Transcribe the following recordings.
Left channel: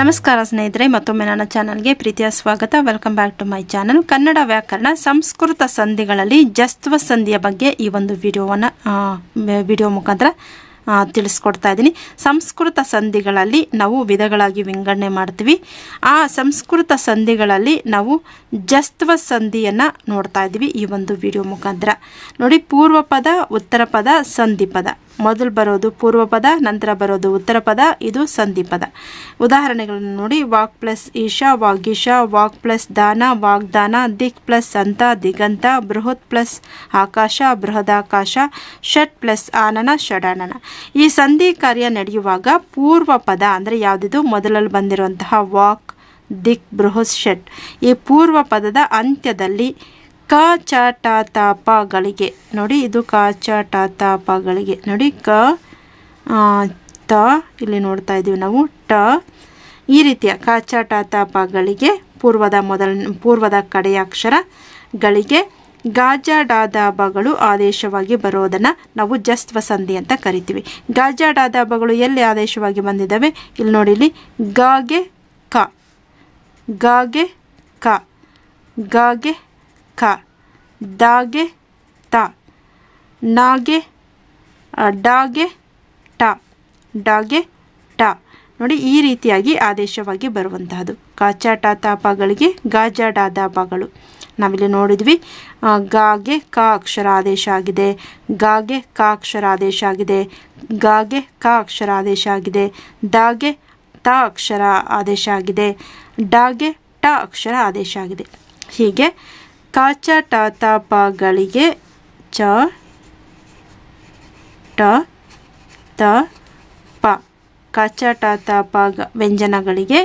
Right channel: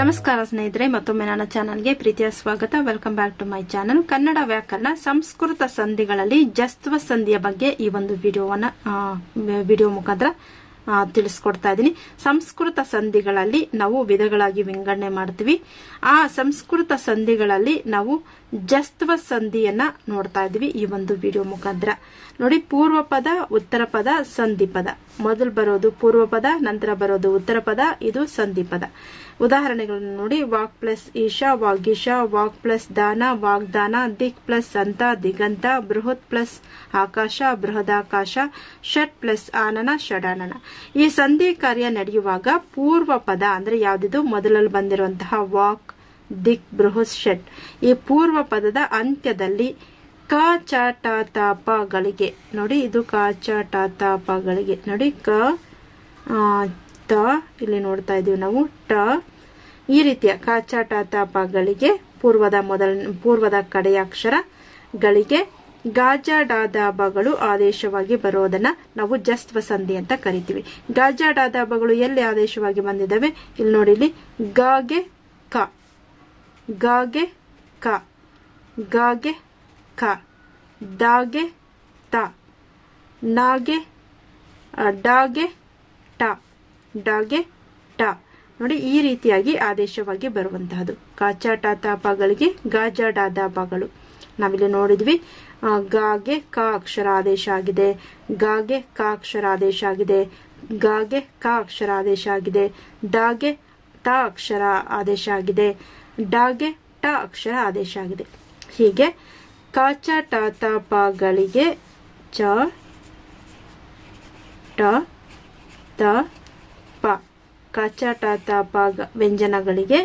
ನಮಸ್ಕಾರ ಸ್ನೇಹಿತರೆ, ಮತ್ತೊಮ್ಮೆ ನನ್ನ ಚಾನಲ್ಗೆ ಪ್ರೀತಿಯ ಸ್ವಾಗತ. Welcome back to my channel. Kannada ವ್ಯಾಕರಣ ಸಂಸ್ಕೃತ ಸಂಧಿಗಳಲ್ಲಿ ಜಸ್ತ್ವ ಸಂಧಿಯ ಬಗ್ಗೆ ಈ ಒಂದು ವಿಡಿಯೋ ಮುಖಾಂತರ ತಿಳಿಸ್ಕೊಡ್ತಾ ಇದ್ದೀನಿ. ಸಂಸ್ಕೃತ ಸಂಧಿಗಳಲ್ಲಿ ನಾವು ವಿಧಗಳಾಗಿ ವಿಂಗಡಣೆ ಮಾಡ್ತೀವಿ. ಆ ಸಂಸ್ಕೃತ ಸಂಧಿಗಳಲ್ಲಿ ನಾವು ಜಸ್ತ್ವ ಸಂಧಿಯನ್ನು ನೋಡ್ತಾ ಇದ್ದೀವಿ ಈ ಒಂದು ವಿಡಿಯೋ ಮುಖಾಂತರ. ನೋಡಿ, ಪೂರ್ವ ಪದ, ಉತ್ತರ ಪದ, ಸಂಧಿ ಪದ. ಮೊದಲು ಬರೋದು ಪೂರ್ವ ಪದ, ನಂತರ ಬರೋದು ಉತ್ತರ ಪದ, ಇದು ಸಂಧಿ ಪದ. ಉದಾಹರಣೆಗಳನ್ನು ನೋಡಿ. Walk plus Isha, Vagisha. Walk plus ದಾನ, ವಾಗ್ದಾನ. ದಿಕ್ ಪ್ಲಸ್ ಅಂತ, ದಿಗಂತ. ಬೃಹತ್ ಪ್ಲಸ್ ಆಕಾಶ, ಬೃಹದಾಕಾಶ. ಷಟ್ ಪ್ಲಸ್ ಆನನ, ಷಡಾನನ. ಈ ಸಂಧಿ ಕಾರ್ಯ ನಡೆಯುವಾಗ ಪೂರ್ವ ಪದ ಅಂದರೆ ಯಾವುದಿದು, ಮೊದಲಲ್ಲಿ ಬಂದಿರುವಂತಹ ವಾಕ್, ದಿಕ್, ಬೃಹತ್, ಷಟ್, ಈ ಪೂರ್ವ ಪದದ ಅಂತ್ಯದಲ್ಲಿ ಕ ಚ ಟ ತ ಪಗಳಿಗೆ ನೋಡಿ, ಇದು ಕ ಚ ಟ ತ ಪಗಳಿಗೆ ನೋಡಿ. ಕ ತ ಇಲ್ಲಿ ನೋಡ್ತಾ ಇದ್ದೀವಿ ನಾವು. ಟ ಈ ರೀತಿಯ ಕ ಚ ಟ ತ ಪಗಳಿಗೆ ಪೂರ್ವದ ಕಡೆಯ ಅಕ್ಷರಗಳಿಗೆ ಗಾಜ ಡಾದ ಬಗಳು ಆದೇಶವಾಗಿ ಬರೋದನ್ನು ನಾವು ಜಸ್ತ್ವ ಸಂಧಿ ಅಂತ ಕರಿತೀವಿ. ಗಾಜ ಡಾದ ಬಗಳು ಎಲ್ಲಿ ಆದೇಶವಾಗಿ ಬಂದಿದ್ದಾವೆ ಇಲ್ಲಿ ನೋಡಿ. ಇಲ್ಲಿ ಗಾಗೆ ಕ, ಗಾಗೆ ಕ, ಗಾಗೆ ಕ, ದಾಗೆ ತ, ನಾಗೆ ಡಾಗೆ ಟ, ಡಾಗೆ ಟ. ನೋಡಿ, ಈ ರೀತಿಯಾಗಿ ಆದೇಶವಾಗಿ ಬರುವಂತಹದ್ದು ಕಾಚ ಟ ತಾಪಗಳಿಗೆ ಗಾಜ ಡಾದ ಬಗಳು. ನಾವಿಲ್ಲಿ ನೋಡಿದ್ವಿ. ಗಾಗೆ ಕ ಅಕ್ಷರ ಆದೇಶ ಆಗಿದೆ, ಗಾಗೆ ಕ ಅಕ್ಷರ ಆದೇಶ ಆಗಿದೆ, ಗಾಗೆ ಕ ಅಕ್ಷರ ಆದೇಶ ಆಗಿದೆ, ದಾಗೆ ತ ಅಕ್ಷರ ಆದೇಶ ಆಗಿದೆ, ಡಾಗೆ ಟ ಅಕ್ಷರ ಆದೇಶ ಆಗಿದೆ. ಹೀಗೆ ಕಾಚ ಟ ತ ಪಗಳಿಗೆ ಚ ಟ ತ ಪ, ಕಾಚ ಟ ತ ಪ ವ್ಯಂಜನಗಳಿಗೆ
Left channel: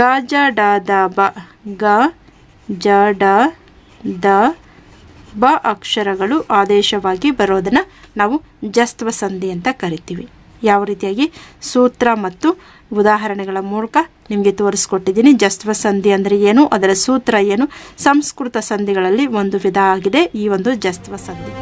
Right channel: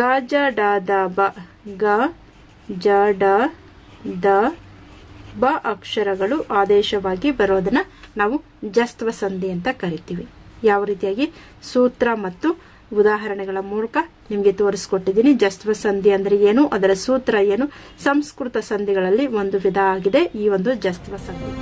ಗ ಜ ಡ ದ ಬ, ಗ ಜ ಡ ದ ಬ ಅಕ್ಷರಗಳು ಆದೇಶವಾಗಿ ಬರೋದನ್ನ ನಾವು ಜಸ್ತ್ವ ಸಂಧಿ ಅಂತ ಕರಿತೀವಿ. ಯಾವ ರೀತಿಯಾಗಿ ಸೂತ್ರ ಮತ್ತು ಉದಾಹರಣೆಗಳ ಮೂಲಕ ನಿಮಗೆ ತೋರಿಸ್ಕೊಟ್ಟಿದ್ದೀನಿ. ಜಸ್ತ್ವ ಸಂಧಿ ಅಂದರೆ ಏನು, ಅದರ ಸೂತ್ರ ಏನು, ಸಂಸ್ಕೃತ ಸಂಧಿಗಳಲ್ಲಿ ಒಂದು ವಿಧ ಆಗಿದೆ ಈ ಒಂದು ಜಸ್ತ್ವ ಸಂಧಿ.